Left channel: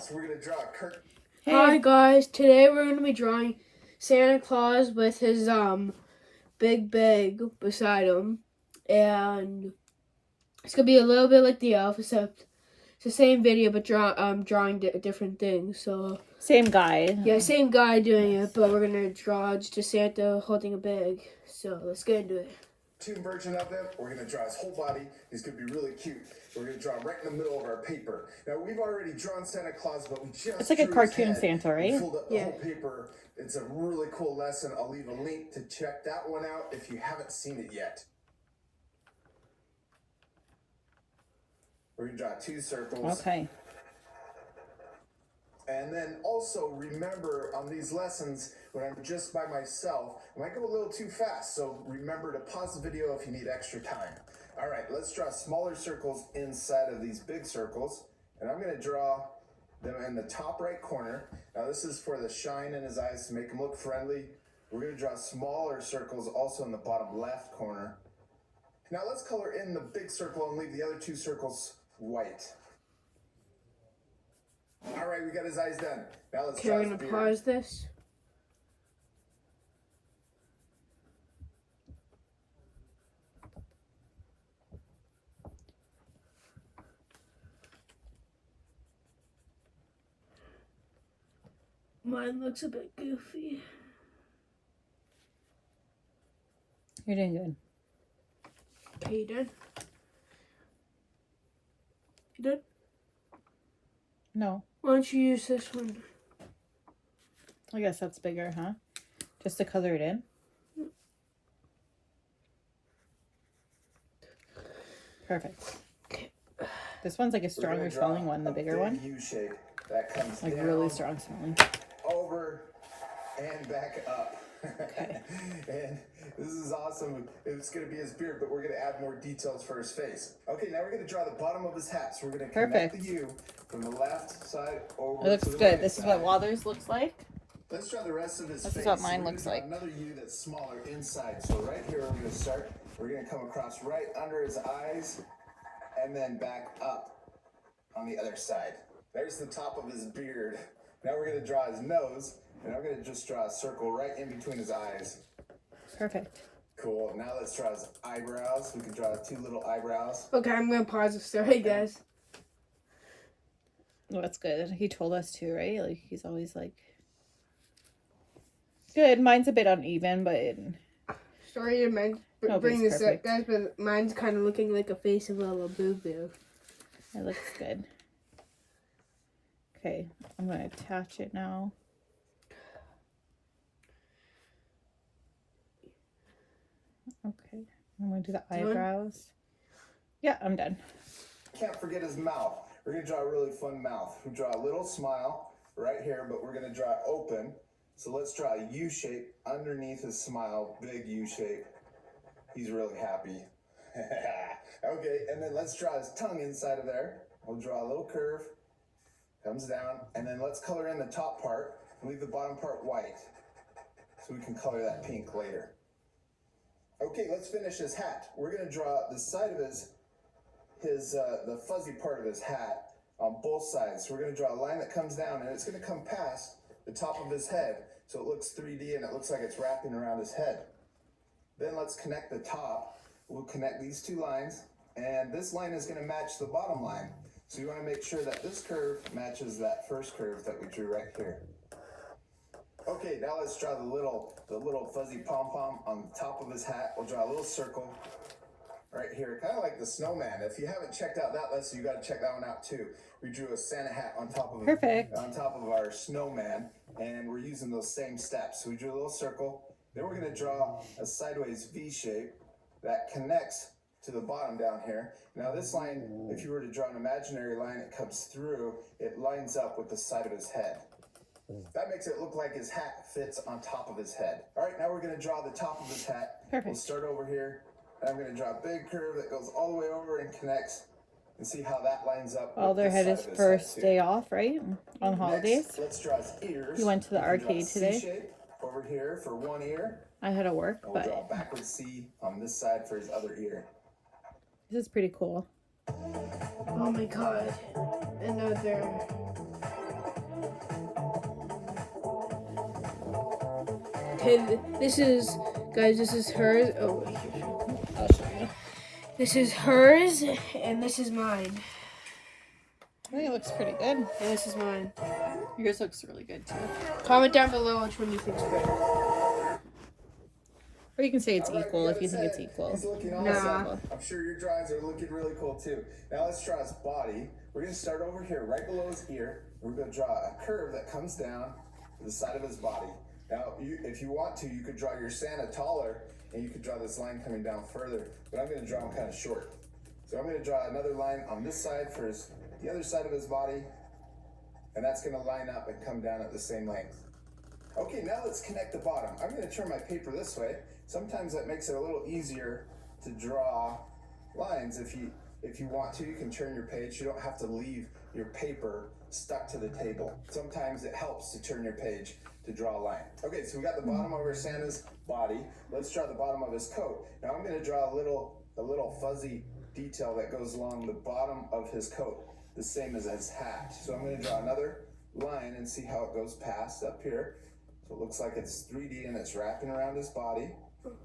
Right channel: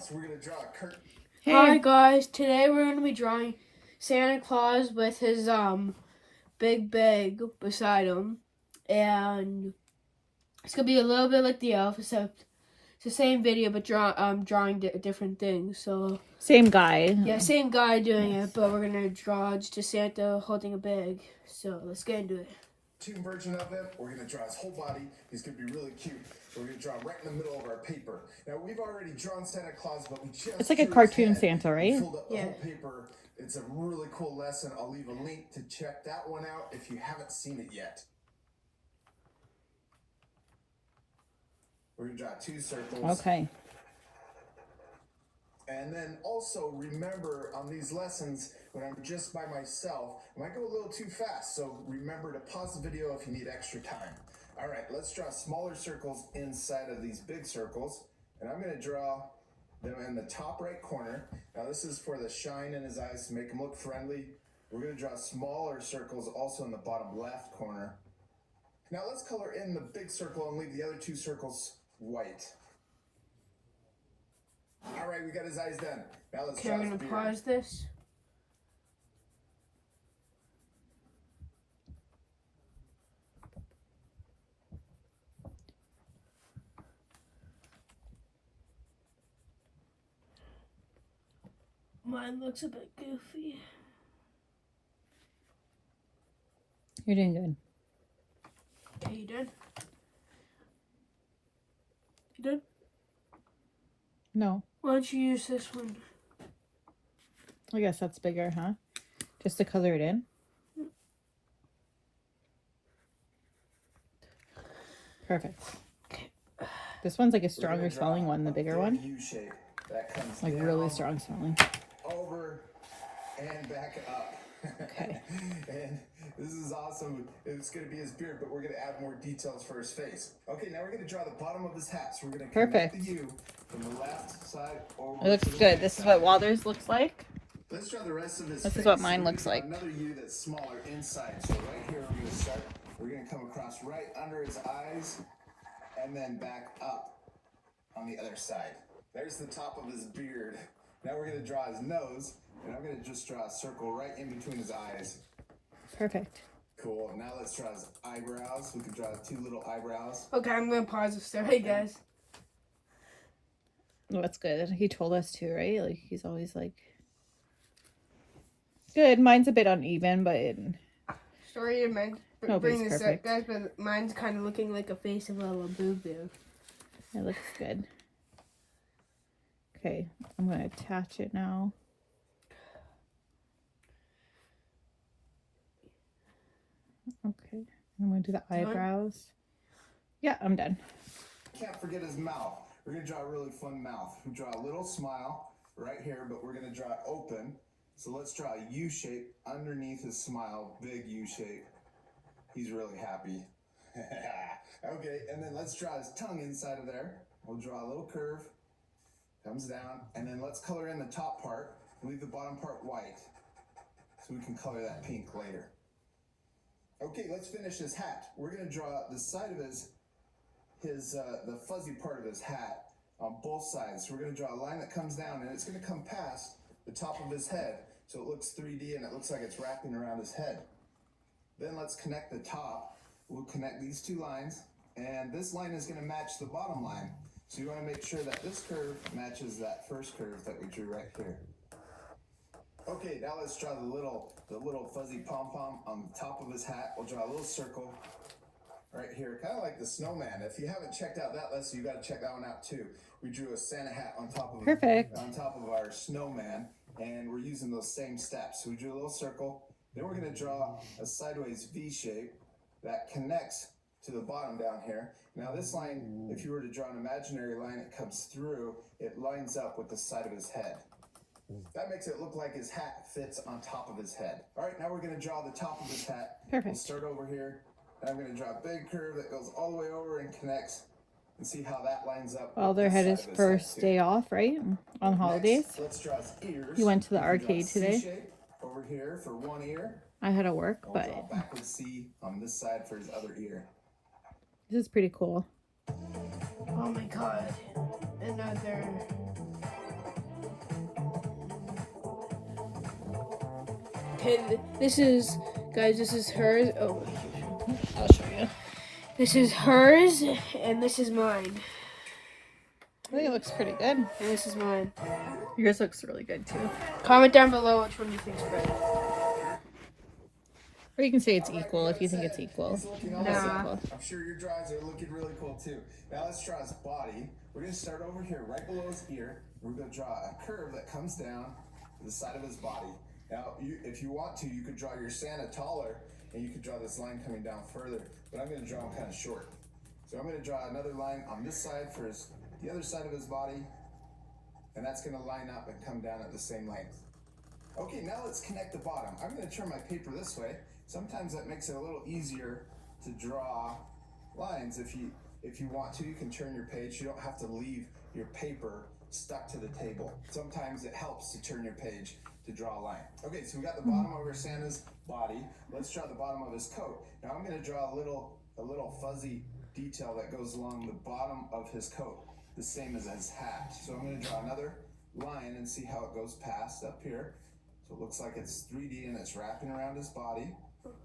Claus. We're gonna draw a curtain. Hi guys, today we're going to be drawing Santa Claus with his big bag beside him, and it's gonna be a little bit like the elf, except it's the same video but drawing different things. So same guy. Yeah, same guy doing it, but we're gonna draw just a Santa holding a bag. So let's get into it. Cartoon version of him. We're gonna draw his whole body. He's gonna be really cute. We're gonna draw right in the middle of our paper. Now we've already drawn Santa Claus, but we just it's like a drew cartoon his head. Santa, right? We filled up the whole paper. It's a really cool lesson. I'll leave a link to check that one out if you haven't seen it yet. We're gonna draw 2 circles. Okay. And then also remember on these lessons, when I'm just by myself, I might go a little too fast. So remember to pause the video if you need extra time. All right, let's draw smaller circles inside of these big circles. And I'm gonna draw them in the top right corner. Now this is for the shine in his eyes to make him look friendly. We're gonna draw smaller circles also in the bottom left corner. Now let's color in the big circle and leave the other 2 circles white. All right, we got his eyes done. Now let's Okay, draw we're his gonna beard. pause this. Mine looks a bit goofy. You're doing good. Okay, you done? You done? No. Why don't you use this one? I guess that's bigger, huh? Just to color it in. Perfect. This one's like a stronger smelling one, the bigger one. U shape that comes Like down, really strong smelling. over, and back up. Okay. And this is awesome. It's going to be his beard, but we're going to add more details for his face. Okay, now we're going to draw the bottom of his hat. So we're going to connect the U from the left side over. It looks to the good. right This is side. what Walter's looks like. Let's draw the rest of his This face. is what So mine we're gonna looks draw like. Another U that's smaller inside. So right here, we're going to start. We're going to come across right under his eyes and then back up on the other side. There's the top of his beard. Now we're going to draw his nose, and I'm going to just draw a circle right in between his eyes. Perfect. Cool. Now let's draw his eyebrows. We can draw 2 little eyebrows. Okay, I'm gonna pause this. Sorry, guys. Well, that's good. He told us to, right? Like he's always like good. Mine's a bit uneven, but Sorry to bring Nobody's this up, perfect. guys, but mine's kind of looking like a face of a little boo-boo. it looks good. Okay, I'm gonna attach it now. Okay, I'm gonna do the Done? eyebrows. Yeah, I'm done. Can't forget his mouth. We're going to draw a really fun mouth. We draw a little smile right here, but we're going to draw it open. So let's draw a U shape underneath his smile, big U shape. He's really happy. Okay, and then let's draw his tongue inside of there. We'll draw a little curve, comes down, and then let's color in the top part and leave the bottom part white so we can color that pink later. Okay, let's finish his hat. We're going to draw the side of the fuzzy part of his hat on both sides. So we're going to draw a line that comes down, and it's going to come past the top of his head, so it looks 3D and it looks like it's wrapping around his head. Then let's connect the top. We'll connect these 2 lines, and this line is going to match the bottom line. So you want to make sure that this curve matches that first curve that we drew right here. Okay, now let's draw the little fuzzy pom-pom on the top of his hat. We'll draw a little circle right here, kind of like the snowman. If you haven't checked out that lesson, you got to check that one out too. We drew a Santa hat on top of Perfect. on top of our snowman, and we're using those same steps. So we drew a little circle. Then we're going to draw a sideways V shape that connects to the bottom down here. Now this line, if you were to draw an imaginary line, it comes through. It lines up with the side of his head. That makes it look like his hat fits on top of his head. All right, now we're going to draw the top of his hat. Perfect. We'll start over here. And I'm going to draw a big curve that goes all the way over and connects. And see how that lines up. Walter with had the his side of first head, day off, right? On holidays. Next, let's draw his ears. He went to the We're gonna draw a arcade C today. shape over here for one ear. I had to work, And we'll draw a but backward C on this side for his other ear. this is pretty cool. Oh my god. Another Okay, this is, guys, this is hers. Oh, this is hers, and this is mine. I think it looks pretty good. And this is mine. Yours looks really good too. Comment down below which one you think's better. Or you can say it's All right, equal we if you got think it it's set. equal. He's looking Nah. awesome. I'm sure your drawings are looking really cool too. Now let's draw his body. We're gonna start over here, right below his ear. We're gonna draw a curve that comes down to the side of his body. Now, if you want to, you could draw your Santa taller, and you could draw this line coming down further. But I'm gonna draw him kind of short. So I'm gonna draw another line on this side for the other side of his body, and that's gonna line up and come down at the same length. Okay, now let's connect the bottom. I'm gonna turn my paper this way. Sometimes that makes it a little easier to draw lines. If you want to, you can turn your page. You don't have to leave your paper stuck to the table. Sometimes it helps to turn your page to draw a line. Okay, so we got the bottom over Santa's body. Let's draw the bottom of his coat. Now I'm gonna draw a little fuzzy detail that goes along the bottom of his coat, the same as his hat. So I'm gonna draw another line and see how it goes past up here. So it looks like it's 3D and it's wrapping around his body.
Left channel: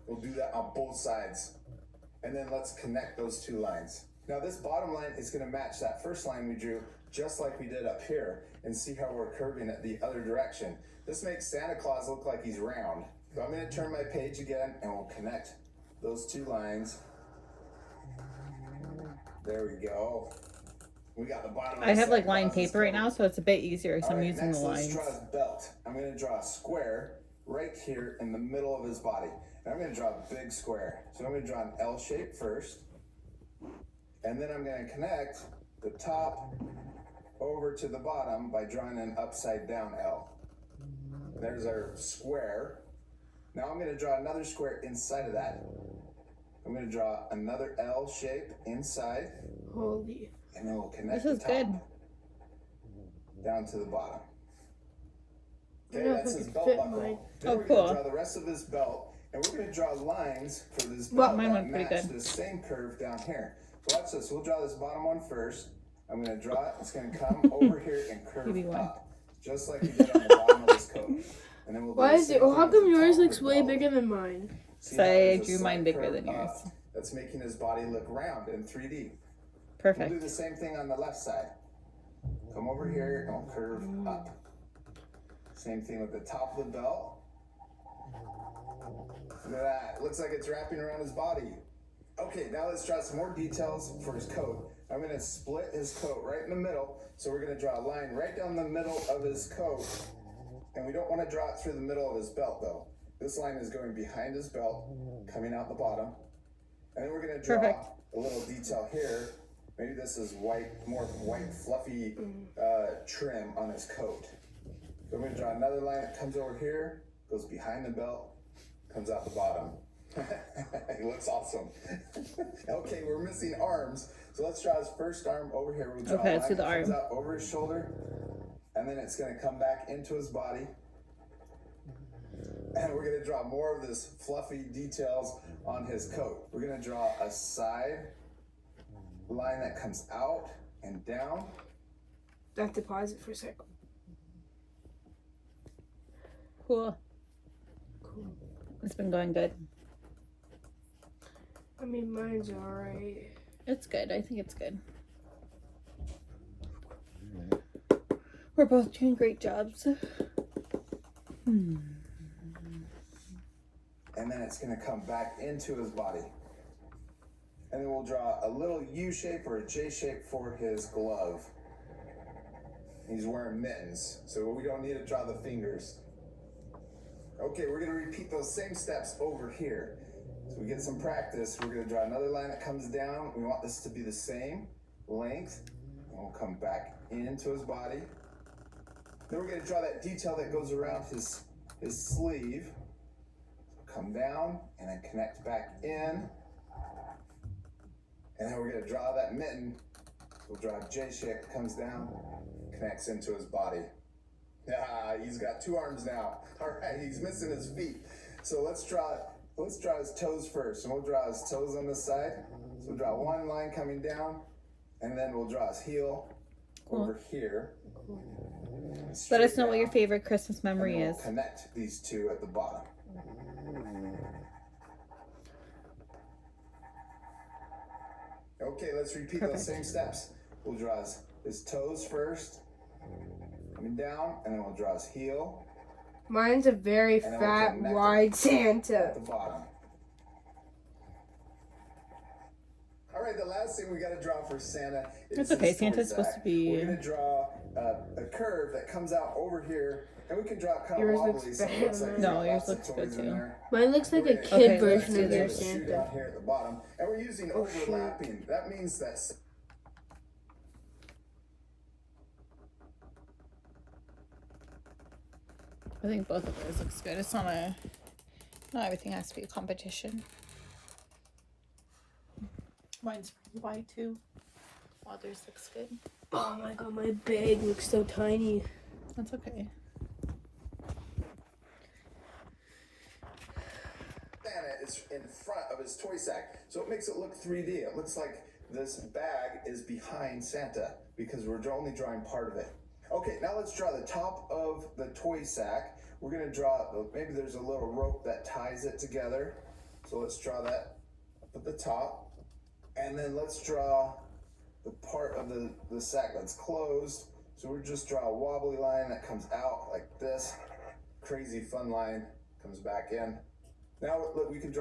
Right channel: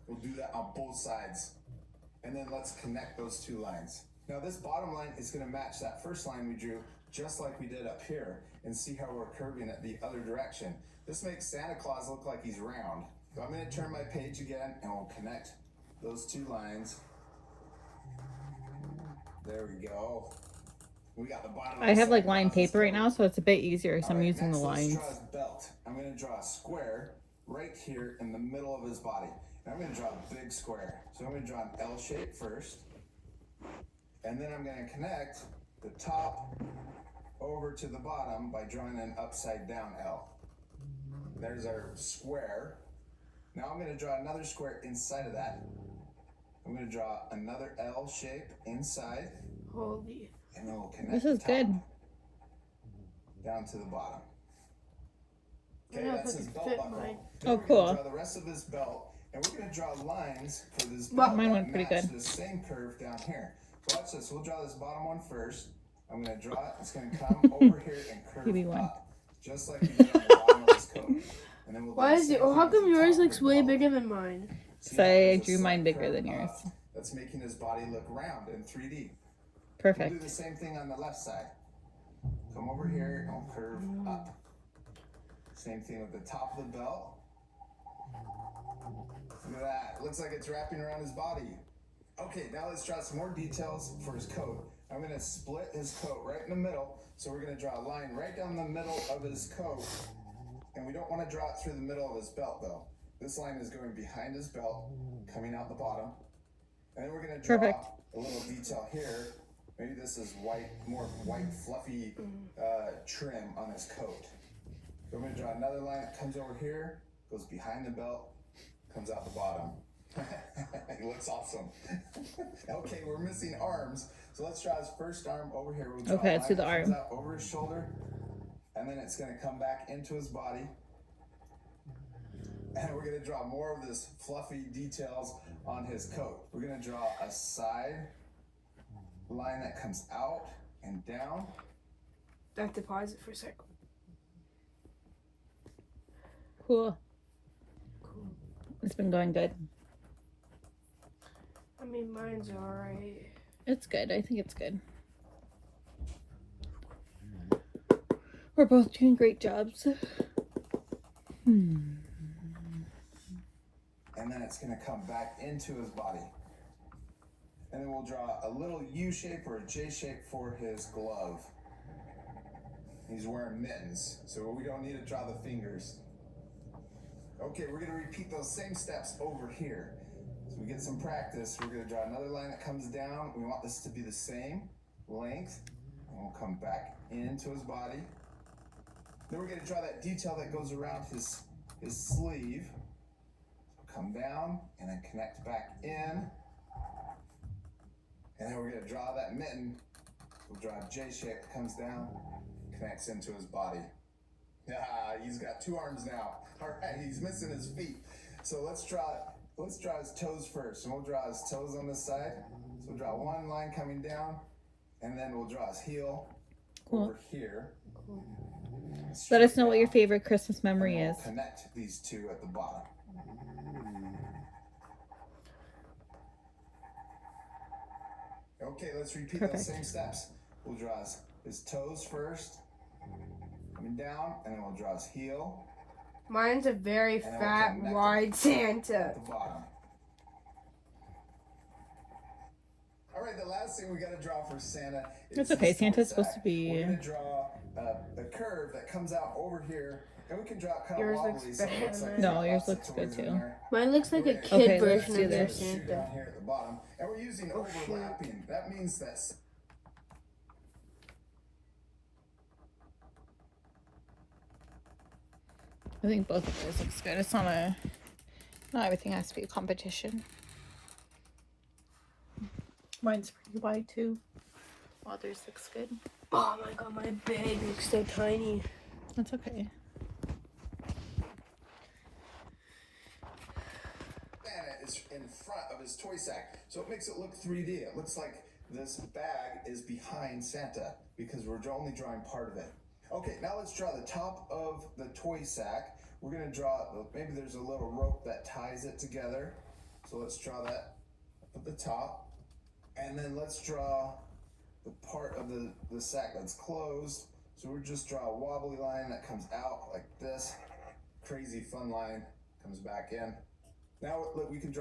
We'll do that on both sides. And then let's connect those two lines. Now this bottom line is gonna match that first line we drew, just like we did up here, and see how we're curving it the other direction. This makes Santa Claus look like he's round. So I'm gonna turn my page again and we'll connect those two lines. There we go. We got the bottom of I the have like Santa lined Claus's paper right coat. now, so it's a bit easier because I'm Alright, using next the let's lines. draw his belt. I'm going to draw a square right here in the middle of his body. And I'm going to draw a big square. So I'm going to draw an L shape first. And then I'm going to connect the top over to the bottom by drawing an upside down L. There's our square. Now I'm going to draw another square inside of that. I'm going to draw another L shape inside. Holy. And then we'll connect This is the top good. down to the bottom. I Okay, don't know that's if I his can belt fit buckle. mine. Then Oh, we're cool. gonna draw the rest of his belt, and we're gonna draw lines for this Well, belt mine that went pretty match good. this same curve down here. So watch this. We'll draw this bottom one first. I'm gonna draw it. It's gonna come over here and curve Maybe one. up, just like we did on the bottom of his coat. And then we'll do Why the is it? same thing How with come the yours top of looks the way belt. bigger than mine? See how Say I there's a drew mine slight bigger curve than yours. up That's making his body look round in 3D. We'll do Perfect. the same thing on the left side. Come over here and we'll curve up. Same thing with the top of the belt. Look at that. Looks like it's wrapping around his body. Okay, now let's draw some more details for his coat. I'm going to split his coat right in the middle. So we're going to draw a line right down the middle of his coat. And we don't want to draw it through the middle of his belt though. This line is going behind his belt, coming out the bottom. And then we're going to draw Perfect. a little detail here. Maybe this is white, more white fluffy trim on his coat. So we're going to draw another line that comes over here, goes behind the belt, comes out the bottom. He looks awesome. Okay, we're missing arms. So let's draw his first arm over here. We'll draw Okay, a let's line do the that comes arm. out over his shoulder, and then it's going to come back into his body. And we're going to draw more of this fluffy details on his coat. We're going to draw a side line that comes out and down. I have to pause it for a second. Cool. Cool. It's been going good. I mean, mine's alright. It's good. I think it's good. We're both doing great jobs. And then it's going to come back into his body. And then we'll draw a little U shape or a J shape for his glove. He's wearing mittens, so we don't need to draw the fingers. Okay, we're going to repeat those same steps over here. So we get some practice. We're going to draw another line that comes down. We want this to be the same length. And we'll come back into his body. Then we're going to draw that detail that goes around his sleeve. Come down and then connect back in. And then we're going to draw that mitten. We'll draw a J shape that comes down, connects into his body. Ah, he's got two arms now. All right, he's missing his feet. So let's draw his toes first. And we'll draw his toes on this side. So we'll draw one line coming down, and then we'll draw his heel over here. Let us know what your down, favorite Christmas and then memory we'll is. connect these two at the bottom. Okay, let's repeat those same steps. We'll draw his toes first, coming down, and then we'll draw his heel Mine's a very then we'll fat, connect it wide Santa. at the bottom. All right, the last thing we got to draw for Santa is It's okay, his Santa's toy supposed sack. to be- We're going to draw a curve that comes out over here, and we can draw it kind of Yours wobbly, looks so it better looks like than we mine. got No, yours lots of looks good toys in too. there. Mine looks like a Okay, kid okay, version let's of do your the shoe Santa. down here at the bottom, and we're using Oh, shoot. overlapping. That means that I think both of yours looks good. It's not everything has to be a competition. Mine's pretty wide too. Others looks good. Oh my god, my bag looks so tiny. That's okay. Santa is in front of his toy sack, so it makes it look 3D. It looks like this bag is behind Santa because we're only drawing part of it. Okay, now let's draw the top of the toy sack. We're gonna draw, maybe there's a little rope that ties it together. So let's draw that up at the top. And then let's draw the part of the sack that's closed. So we'll just draw a wobbly line that comes out like this. Crazy fun line comes back in. Now we can draw